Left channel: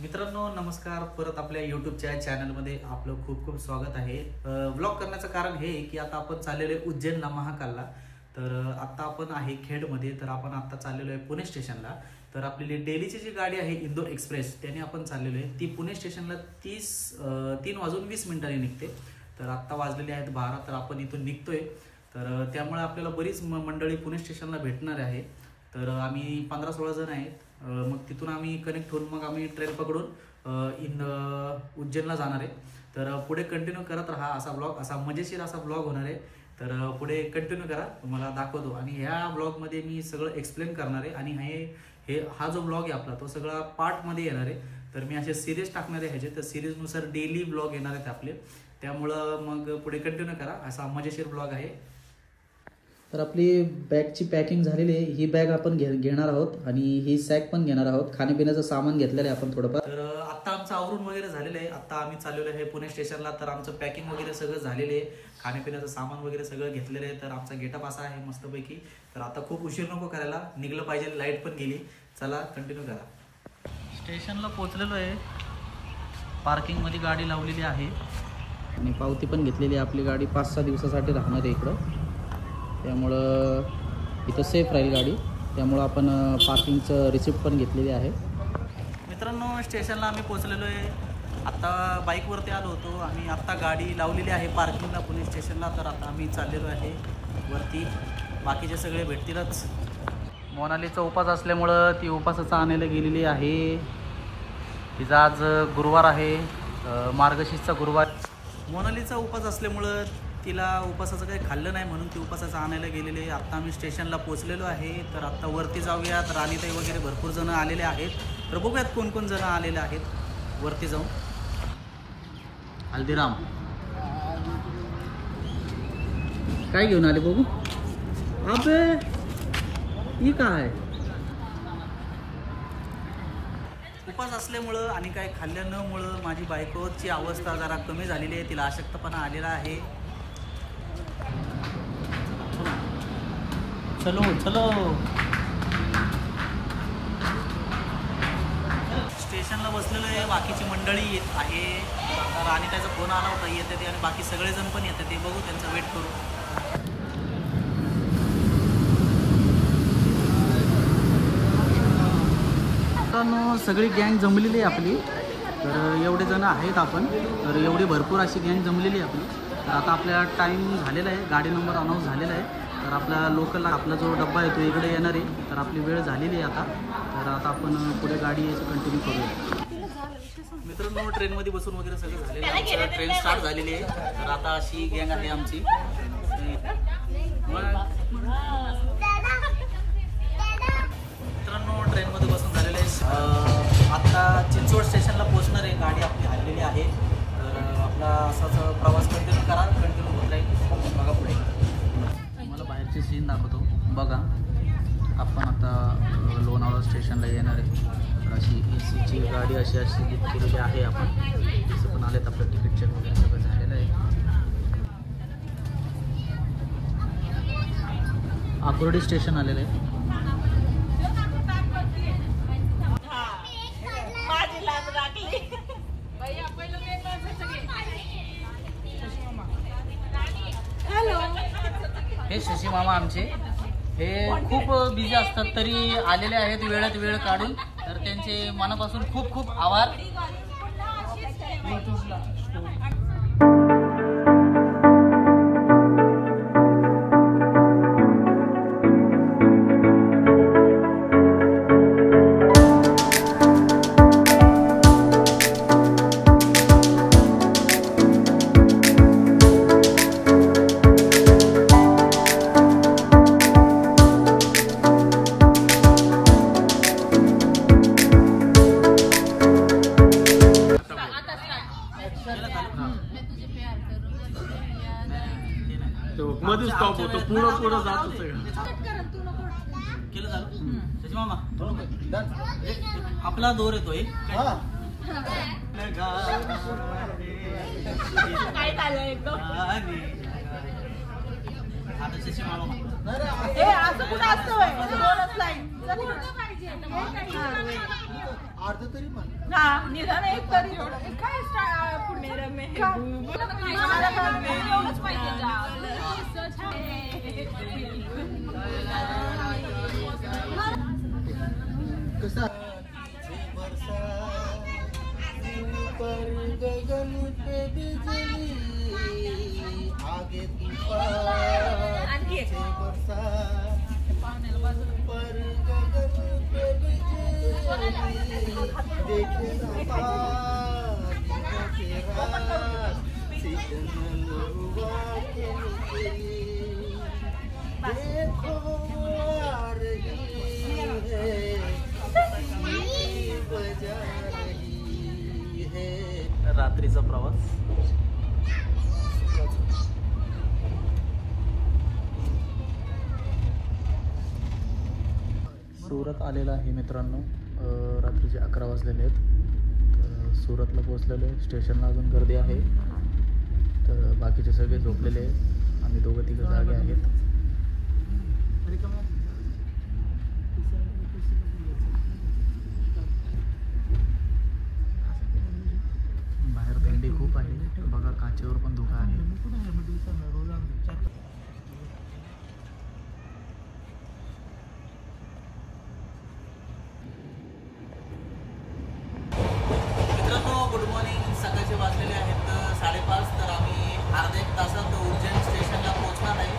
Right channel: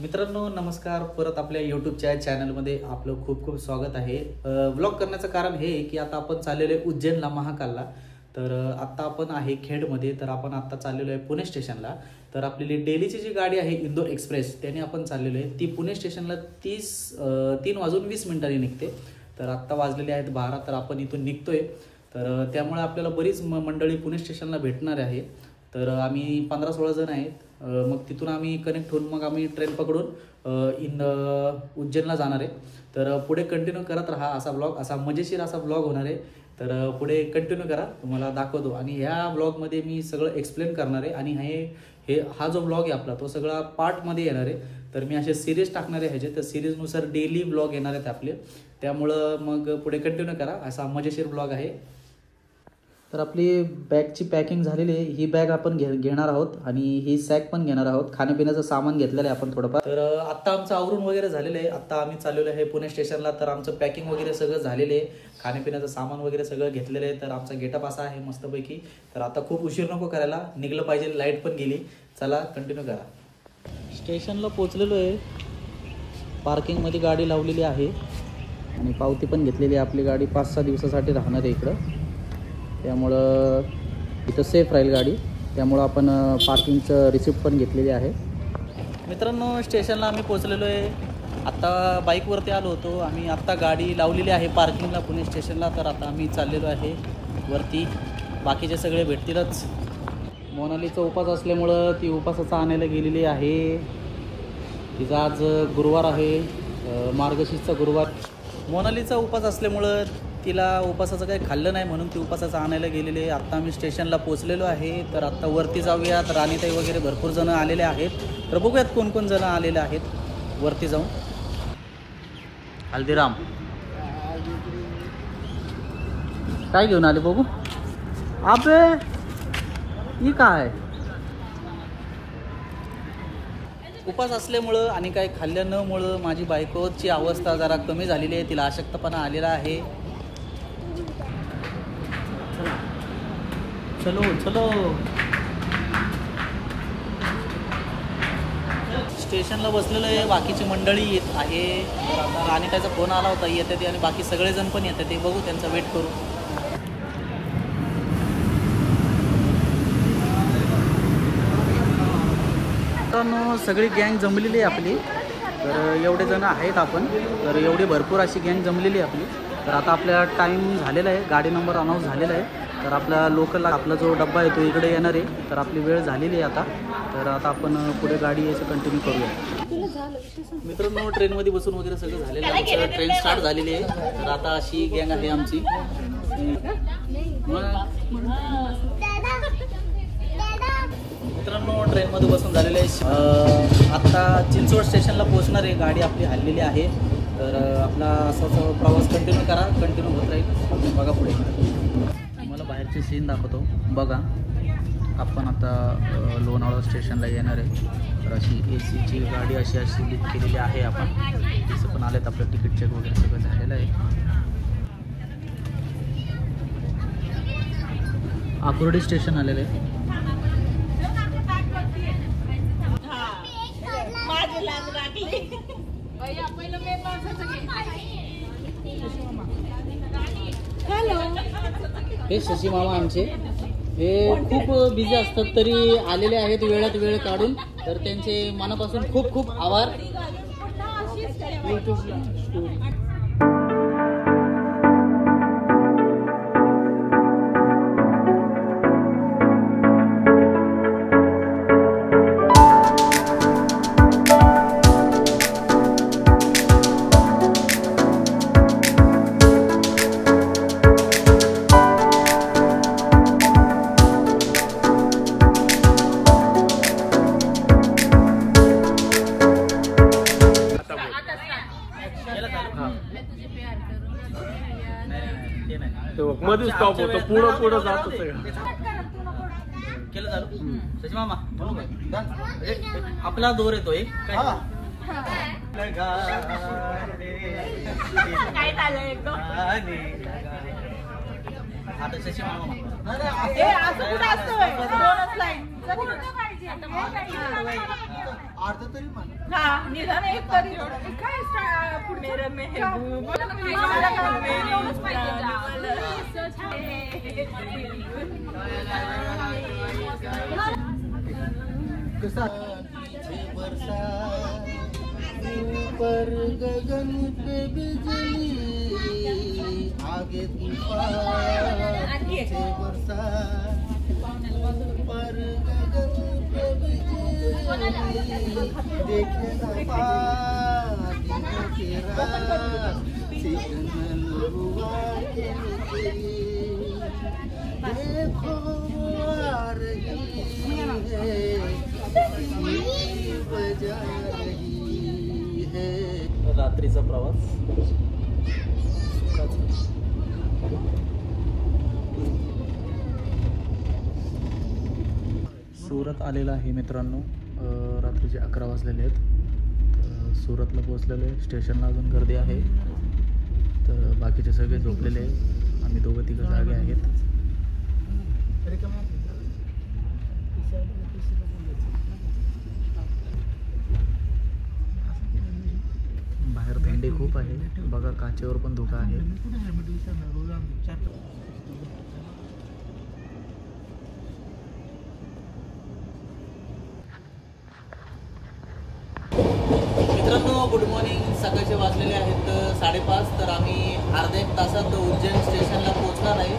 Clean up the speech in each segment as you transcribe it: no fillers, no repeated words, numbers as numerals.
मित्रांनो नमस्कार, परत आपल्या यूट्यूबच्या चॅनलमध्ये आपलं खूप खूप स्वागत आहे। व्लॉग करण्याचं कारण हे की आता आपण चाललेलो आहे उज्जैनला महाकालला। तर आता आपण आहे खेडमध्ये, तर आपण आता चाललेलो आहे पुणे स्टेशनला। तर आपली डेलीची जी गाडी आहे इंदोर एक्सप्रेस त्याने आपण चाललेलो आहे, ती पुणे स्टेशनला 3:20 निघते। तर आता वाजलेले आहेत 12, तर आपण इथून निघतोय। तर त्यामुळे आपल्याला बरीच मंडळी पुणे स्टेशनला भेटणार आहे। तर आम्ही 15-16 जण आहेत। मग तिथून आम्ही कनेक्ट होऊन मग आम्ही ट्रेन पकडून उज्जैनला जाणार आहे। तर पुढे कंटिन्यू करत राहा, असा ब्लॉग, असा मजेशीर असा ब्लॉग होणार आहे। तर पुढे कंटिन्यू करा, तुम्हाला दाखवतो। आणि ह्या ब्लॉगमध्ये मी सगळं एक्सप्लेन करणार आहे। आणि हा जो ब्लॉग आहे आपला तो सगळा पार्टमध्ये येणार आहे। तर मी असे सिरीज टाकणार आहे ह्याचे, तर सिरीजनुसार डेली ब्लॉग येणार आहेत आपले। त्यामुळं मग पुढे कंटिन्यू करा, असा मजेशीर ब्लॉग आहे। तर आपली बॅगची पॅकिंग झालेली आहे। ही बॅग आपण घेणार आहोत आणि ही सॅक पण घेणार आहोत। खाण्यापिण्याचं सामान घेतलेलं आहे आपण थोडंफार। तर आता आमचं आवरून वगैरे झालेलं आहे। आता आम्ही चाललेलो आहे पुणे स्टेशनला। तर आमचं पॅकिंग वगैरे सगळं झालेलं आहे, खाण्यापिण्याचं सामान वगैरे सगळं घेतलेलं आहे। तर आमचा गेटअप असा आहे मस्तपैकी। तर आता खूप उशीर नको करायला, निघलं पाहिजे, लाईट पण गेली। चला कंटिन्यू करा। स्टेशनला पोहोचलेलो आहे, पार्किंगमध्ये गाडी लावलेली आहे आणि पावती पण घेतलेली आहे। आपली गाडी 5-6 दिवसासाठी राहणार आहे इकडं, त्यामुळं इथं सेफ राहील गाडी। त्यामुळं आपण पार्किंगचं रिसिप्ट पण घेतलेली आहे। मित्रांनो स्टेशनला आम्ही पोहोचलेलो आहे। आत्ता बाईकवरती आलो होतो आम्ही, आत्ता गाडी लावलेली आहे पार्किंगला पुणे स्टेशनला। तर आता आम्ही चाललेलो आहे वरती, बाकीचे सगळे भेटतीलच। मोनालीचा उपास असल्यामुळं ती उपासाचं आणायला गेलेली आहे। तिचा आज गुरुवार आहे, मार्गशीर्षचा गुरुवार। मोनालीचा उपास असल्यामुळं तिला उपासाचं काही खाल्लं नाही, म्हणून ती उपासाचं आणायला गेलेली आहे। आत्ता आम्ही स्टेशनला पोहोचलेलो आहे। तर आत्ता वरती जाऊयात, राणीताई वगैरे भरपूर जण आलेले आहेत। तर बघूयात कोण कोण जण आलेले आहेत वरती जाऊन। हल्दीराम काय घेऊन आले बघू? अबे ही काय? उपास असल्यामुळं आणि काही खाल्लं न मुळे माझी बायकोची अवस्था जरा कमी झालेली आहे, तिला अशक्तपणा आलेला आहे। चलो चलो स्टेशनला बसलेलो आहे, बाकीची मंडळी येत आहे। तर आता राणीताईचा फोन आला होता, येते ते, आणि बाकी सगळेजण पण येतात, ते बघू, त्यांचा वेट करू। मित्रांनो सगळी गँग जमलेली आहे आपली। तर एवढे जण आहेत आपण, तर एवढी भरपूर अशी गँग जमलेली आहे आपली। तर आता आपला टाईम झालेला आहे, गाडी नंबर अनाऊन्स झालेला आहे। तर आपला लोकल आपला जो डब्बा आहे तो इकडे येणार आहे। तर आपली वेळ झालेली आहे आता। तर आता आपण पुढे गाडी यायचं कंटिन्यू करूया। मित्रांनो ट्रेनमध्ये बसून वगैरे सगळं झालेलं आहे, आमचं ट्रेन स्टार्ट झालेली आहे। तर आता अशी गँग आहे आमची। मित्रांनो ट्रेनमध्ये बसून झालेले आहे, आता चिंचवड स्टेशनला पोहोचणार आहे गाडी आपली, हल्लेली आहे। तर आपला असाच प्रवास कंटिन्यू करा, कंटिन्यू होत राहील। बघा पुढे मला बाहेरची सीन दाखवतो बघा। आपण आता लोणावळा स्टेशनला येणार आहे। तर अशी AC ची गाडी अशी बुक केलेली आहे आपण। तिचं पण आलेत, आपलं तिकीट चेक वगैरे सगळं झालेलं आहे। आकुर्डी स्टेशन आलेलं आहे। हे शशी मामा आमचे, हे खूप बिझी असतात तरी आलेले आहेत वेळात वेळ काढून। तर त्यांचे मनापासून खूप खूप आभार। मध्ये स्टॉप होतो, पुढं पुढं जात होतं केलं चालू। त्याची मामा म्हणू का आपला दोर येतोय काय? आता शशी मामा अर्ध तरी पण पर गगन पे बिजली आगे तूफान से बरसा पर गगन पे बिजली देखे ना सिग्नल हुआ के नीचे देखो आ रही है वजह रात्रीचा प्रवास सुरत आलेला आहे मित्रांनो. रात्रीचे 11 वाजलेले आहेत. सुरतला पोहोचलेले. स्टेशनला अजून गर्दी आहे. तर बाकीचे सगळे झोपलेले आहेत. आम्ही दोघं तिघं जागे आहेत. थंडी खूप आहे बघा. काचेवर पण धोका आहे. मित्रांनो गुड मॉर्निंग. सकाळचे वाजलेले आहेत 5:30. तर आम्ही अर्ध्या 1 तासात उज्जैन स्टेशनला पोहोचणार आहे.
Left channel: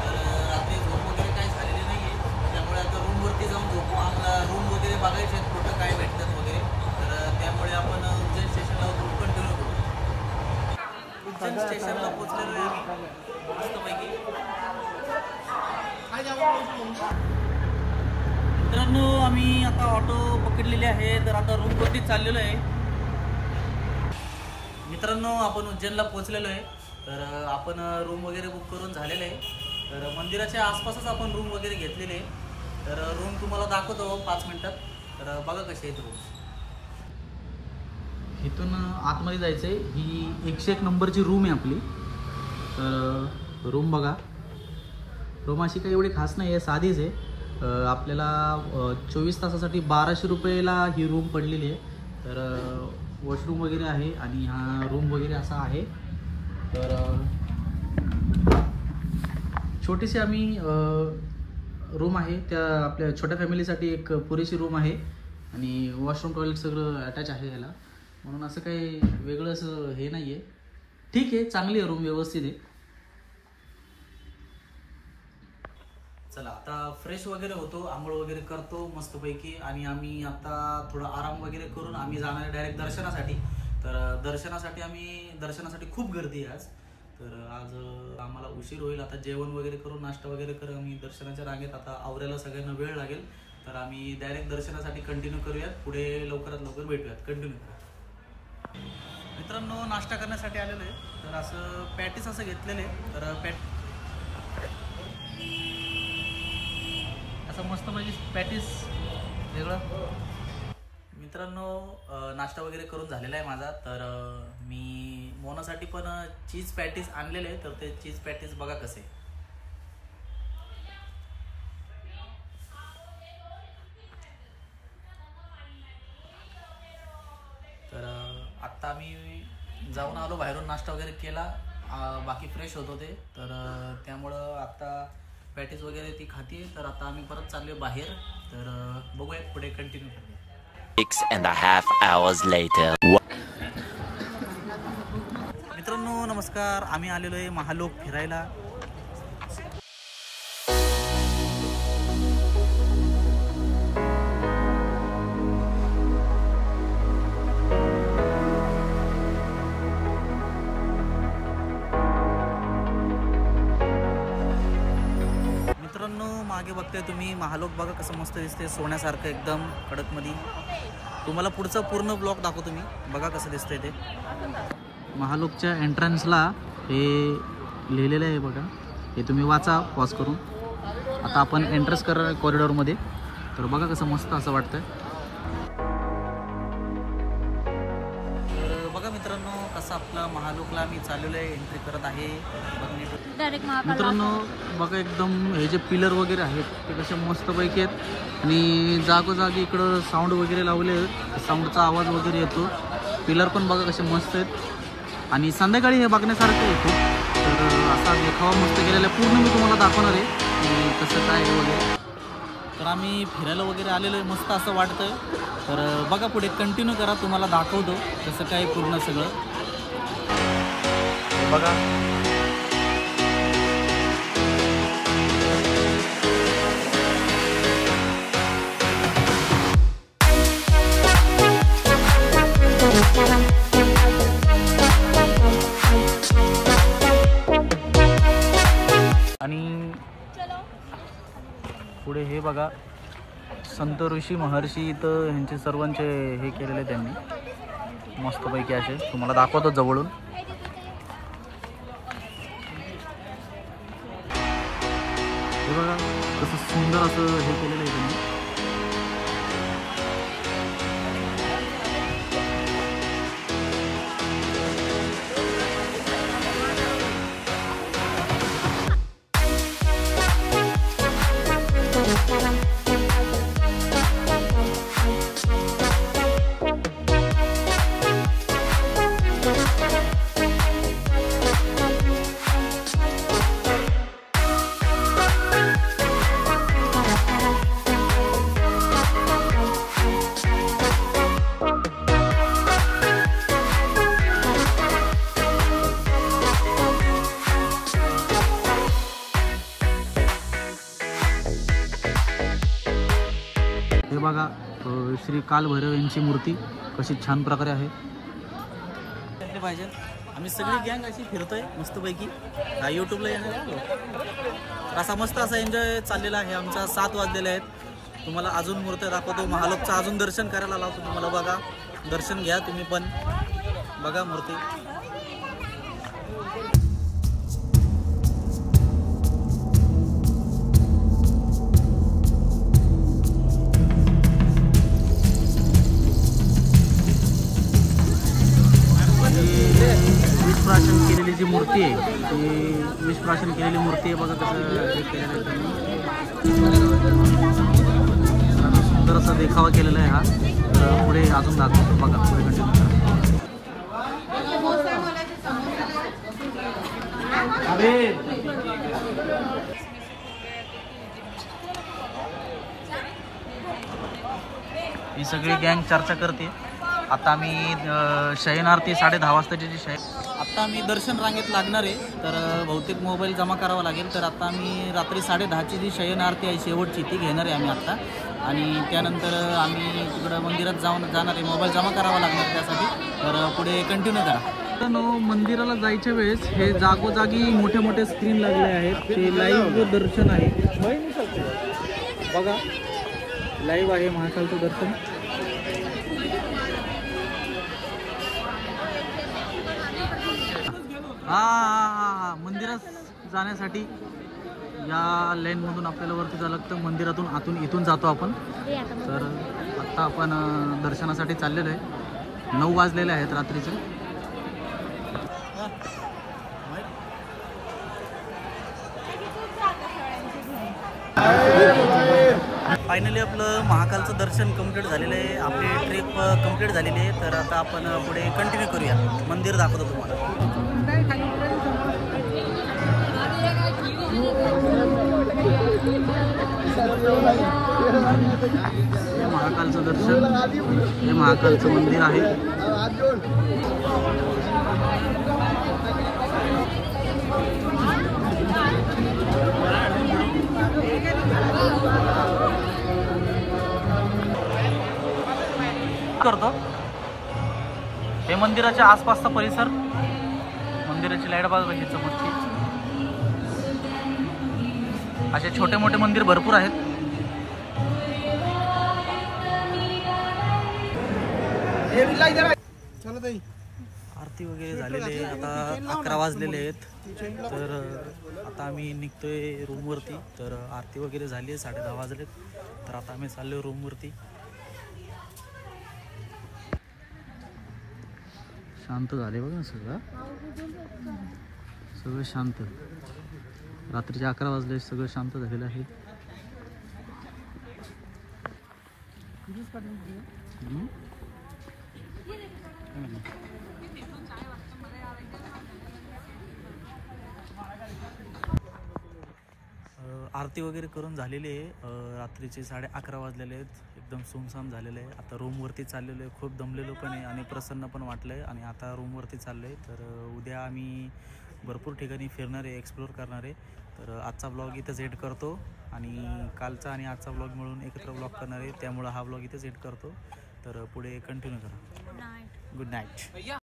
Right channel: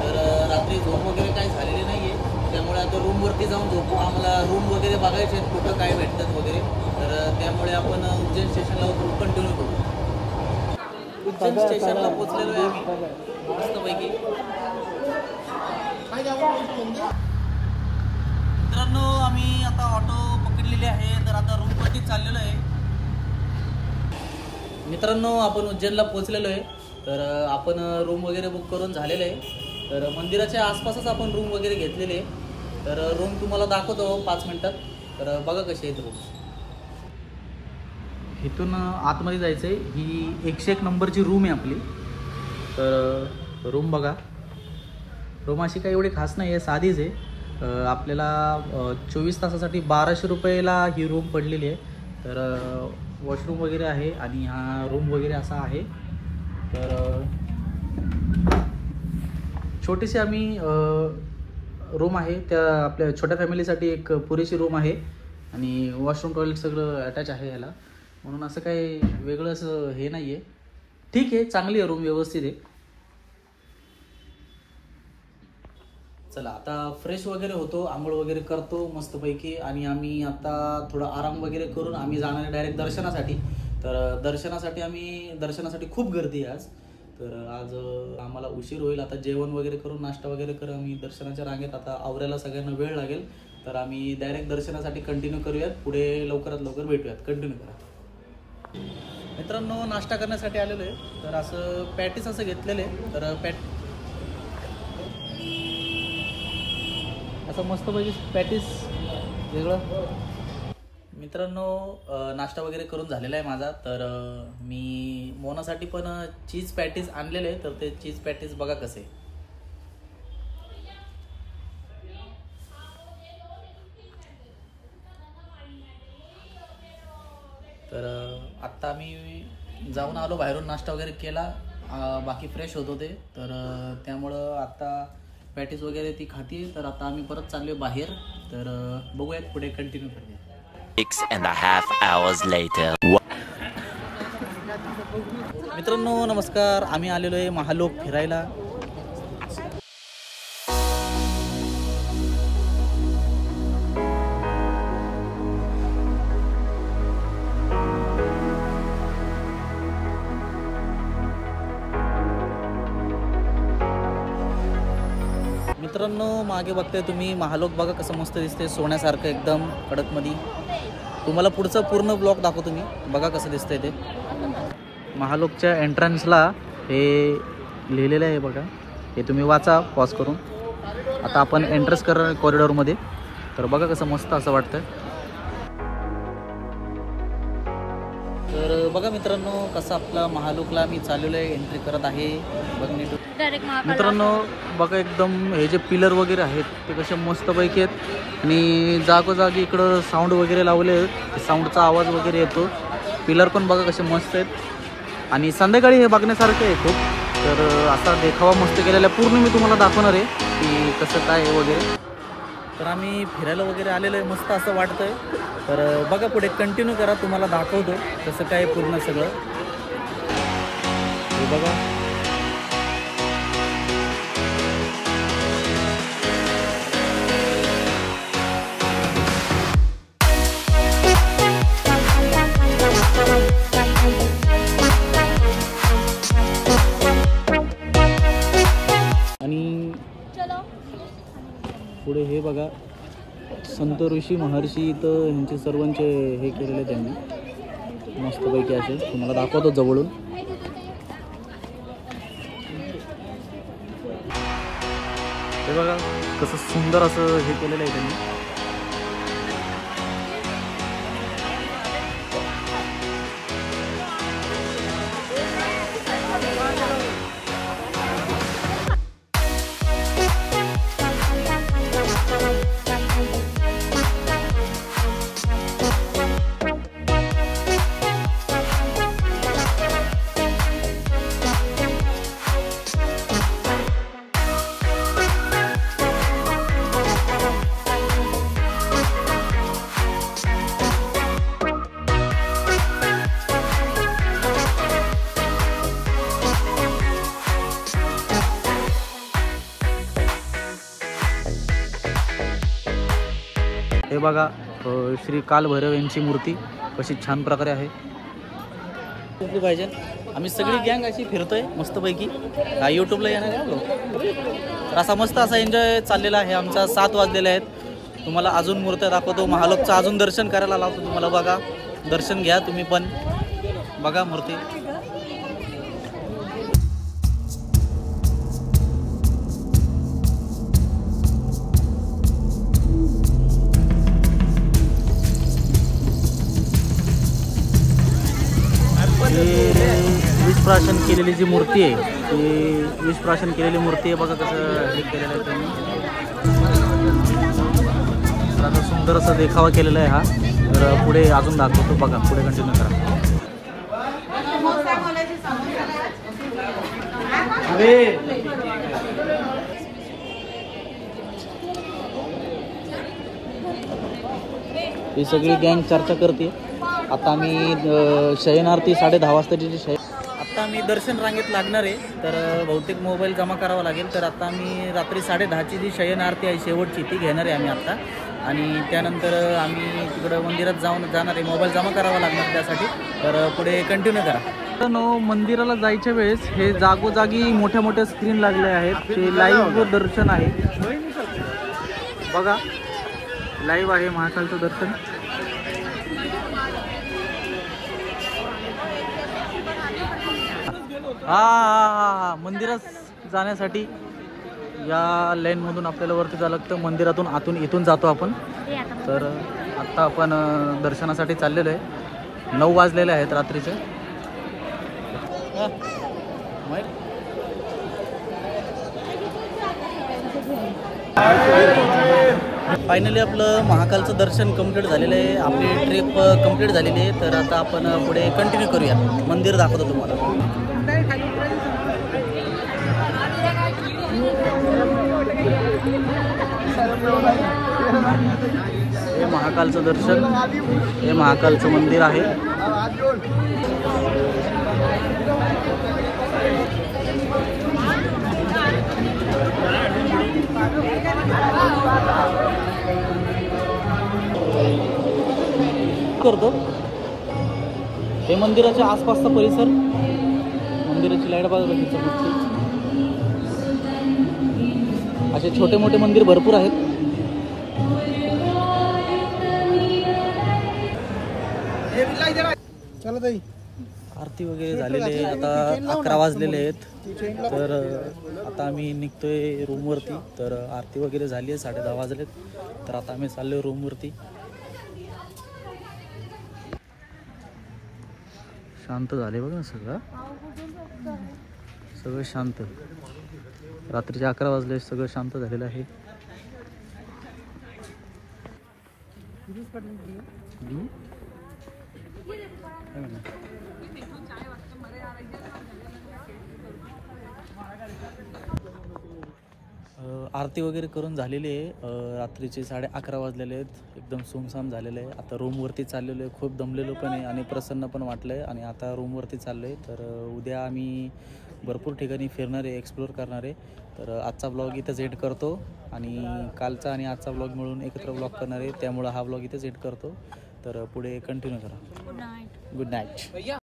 तर रात्री झोप वगैरे काही झालेली नाही आहे. त्यामुळे आता रूमवरती जाऊन झोपू. आम्हाला रूम वगैरे बघायचे आहेत कुठं काय भेटतात वगैरे. तर त्यामुळे आपण उज्जैन स्टेशनला कंटिन्यू करू. उज्जैन स्टेशनला पोहोचलेलो आहे आम्ही मस्तपैकी. मित्रांनो आम्ही आता ऑटो पकडलेली आहे. तर आता रूमवरती चाललेलो आहे. मित्रांनो आपण उज्जैनला पोहोचलेलो आहे. तर आपण रूम वगैरे बुक करून झालेलं आहे. तर मंदिराच्या आसपासच आपण रूम वगैरे घेतलेले आहे. तर रूम तुम्हाला दाखवतो 5 मिनिटात. तर बघा कशी आहेत रूम. इथून आतमध्ये जायचं आहे. ही 101 नंबरची रूम आहे आपली. तर रूम बघा. रूम अशी काही एवढी खास नाही आहे, साधीच आहे. आपल्याला 24 तासासाठी 1200 रुपयाला ही रूम पडलेली आहे. तर वॉशरूम वगैरे आहे आणि हा रूम वगैरे असा आहे. तर छोटीशी आम्ही रूम आहे. त्या आपल्या छोट्या फॅमिलीसाठी एक पुरेशी रूम आहे. आणि वॉशरूम टॉयलेट सगळं अटॅच आहे याला. म्हणून असं काही वेगळं असं हे नाही आहे. ठीक आहे, चांगली आहे रूम, व्यवस्थित आहे. चला आता फ्रेश वगैरे होतो, आंघोळ वगैरे करतो मस्तपैकी. आणि आम्ही आता थोडा आराम वगैरे करून आम्ही जाणार आहे डायरेक्ट दर्शनासाठी. तर दर्शनासाठी खूप गर्दी आहे आज. तर आज आम्हाला उशीर होईल. आता जेवण वगैरे करून नाश्ता वगैरे करून आम्ही दर्शनाच्या रांगेत आता आवरायला सगळ्यांना वेळ लागेल. तर आम्ही डायरेक्ट दर्शनासाठी कंटिन्यू करूयात. पुढे लवकरात लवकर भेटूयात. कंटिन्यू करा. मित्रांनो नाश्ता करण्यासाठी आलेलो आहे. तर असं पॅटीस असं घेतलेलं आहे. तर असं मस्तपैकी पॅटीस वेगळं. मित्रांनो नाश्ता वगैरे करून झालेला आहे माझा. तर मी मोनासाठी पण चीज पॅटीस आणलेले आहे. तर ते चीज पॅटीस बघा कसे. तर आत्ता आम्ही जाऊन आलो बाहेरून, नाश्ता वगैरे केला. बाकी फ्रेश होत होते. तर त्यामुळं आता पॅटीस वगैरे ती खाती. तर आता आम्ही परत चाललो बाहेर. तर बघूयात पुढे कंटिन्यू करूया. 6.5 hours later. मित्रांनो नमस्कार. आम्ही आलेलो आहे महालोक फिरायला. मित्रांनो मागे बघताय तुम्ही महालोक बघा कसं मस्त दिसते, सोन्यासारखं एकदम कडक मध्ये. तुम्हाला पुढचं पूर्ण ब्लॉक दाखवतो मी. बघा कसं दिसतंय ते. महालोकच्या एंट्रन्सला हे लिहिलेलं आहे बघा. हे तुम्ही वाचा पॉज करून. आता आपण एंट्रन्स करणार कॉरिडॉरमध्ये. तर बघा कसं मस्त असं वाटतंय. तर बघा मित्रांनो, कसं आपला महालोकला मी चाललेलो आहे, एंट्री करत आहे. बघ नीट डायरेक्ट मित्रांनो, बघा एकदम हे जे पिलर वगैरे आहेत ते कसे मस्तपैकी आहेत आणि जागोजागी इकडं साऊंड वगैरे लावले आहेत, साऊंडचा आवाज वगैरे येतो. पिलर पण बघा कसे मस्त आहेत आणि संध्याकाळी हे बघण्यासारखं आहे खूप. तर असा देखावा मस्त केलेला आहे, पूर्ण मी तुम्हाला दाखवणार आहे की कसं काय आहे वगैरे. तर आम्ही फिरायला वगैरे आलेलो आहे, मस्त असं वाटतंय. तर बघा पुढे कंटिन्यू करा, तुम्हाला दाखवतो कसं काय पूर्ण सगळं. हे बघा आणि पुढे हे बघा संत ऋषी महर्षी इथं ह्यांचे सर्वांचे हे केलेले त्यांनी मस्तपैकी असे, तुम्हाला दाखवतो जवळून. हे बघा कसं सुंदर असं हे केलेलं आहे त्यांनी. हे बघा श्री कालभैरव यांची मूर्ती कशी छान प्रकारे आहे. दिसली पाहिजे. आम्ही सगळी गँग अशी फिरतोय मस्तपैकी. यूट्यूबला येणार आहे लोक. असा मस्त असा एन्जॉय चाललेला आहे आमचा. 7 वाजलेले आहेत. तुम्हाला अजून मूर्त्या दाखवतो, महालोकचं अजून दर्शन करायला लावतो तुम्हाला. बघा दर्शन घ्या तुम्ही पण, बघा मूर्ती. विषप्राशन केलेली जी मूर्ती आहे ती विषप्राशन केलेली मूर्ती आहे. बघा कसं हे केलेलं आहे त्यांनी. आता सुंदर असा देखावा केलेला आहे हा. तर पुढे अजून दाखवतो, बघा पुढे कंटिन्यू करा. ही सगळी गँग चर्चा करते. आता आम्ही शयनार्थी 10:30 वाजताची जी आता आम्ही दर्शन रांगेत लागणार आहे. तर बहुतेक मोबाईल जमा करावा लागेल. तर आता आम्ही रात्री 10:30ची जी शयनारती आहे शेवटची ती घेणार आहे आम्ही आत्ता. आणि त्यानंतर आम्ही तिकडं मंदिरात जाणार आहे. मोबाईल जमा करावा लागणार त्यासाठी. तर पुढे कंटिन्यू करा. तर मंदिराला जायच्या वेळेस हे जागोजागी मोठ्या मोठ्या स्क्रीन लागले आहेत. ते लाईव्ह दर्शन आहे. बघा लाईव्ह आहे महाकालचं दर्शन. हा मंदिरात जाण्यासाठी या लाईनमधून आपल्याला वरती जावं लागतं. मंदिरातून इथून जातो आपण. तर आत्ता आपण दर्शनासाठी चाललेलो आहे. 9 वाजलेले आहेत रात्रीचे. फायनली आपलं महाकालचं दर्शन कंप्लीट झालेलं आहे. आपली ट्रिप कंप्लीट झालेली आहे. तर आता आपण पुढे कंटिन्यू करूया. मंदिर दाखवतो तुम्हाला. हे महाकालचं दर्शन, हे महाकालचं मंदिर आहे. करतो हे मंदिराच्या आसपासचा परिसर. मंदिराची लाईट बघा कशी चमकते. असे छोटे मोठे मंदिर भरपूर आहेत. आरती वगैरे झालेली आहे. आता 11 वाजलेले आहेत. तर आता आम्ही निघतोय रूमवरती. तर आरती वगैरे झाली आहे. 10:30 वाजलेत. तर आता आम्ही चाललोय रूमवरती. शांत झाले बघ ना सगळं सगळं शांत. रात्रीचे 11 वाजले, सगळं शांत झालेलं आहे. आरती वगैरे करून झालेली आहे. रात्रीचे 11:30 वाजलेले आहेत. एकदम सुमसाम झालेलं आहे. आता रूमवरती चाललेलो आहे. खूप दमलेलो पण आहे आणि प्रसन्न पण वाटलं आहे. आणि आता रूमवरती चाललो आहे. तर उद्या आम्ही भरपूर ठिकाणी फिरणार आहे, एक्सप्लोअर करणार आहे. तर आजचा ब्लॉग इथंच एंड करतो आणि कालचा आणि आजचा ब्लॉग मिळून एकत्र ब्लॉग करणार आहे. त्यामुळं हा ब्लॉग इथंच एंड करतो. तर पुढे कंटिन्यू करा. Good night.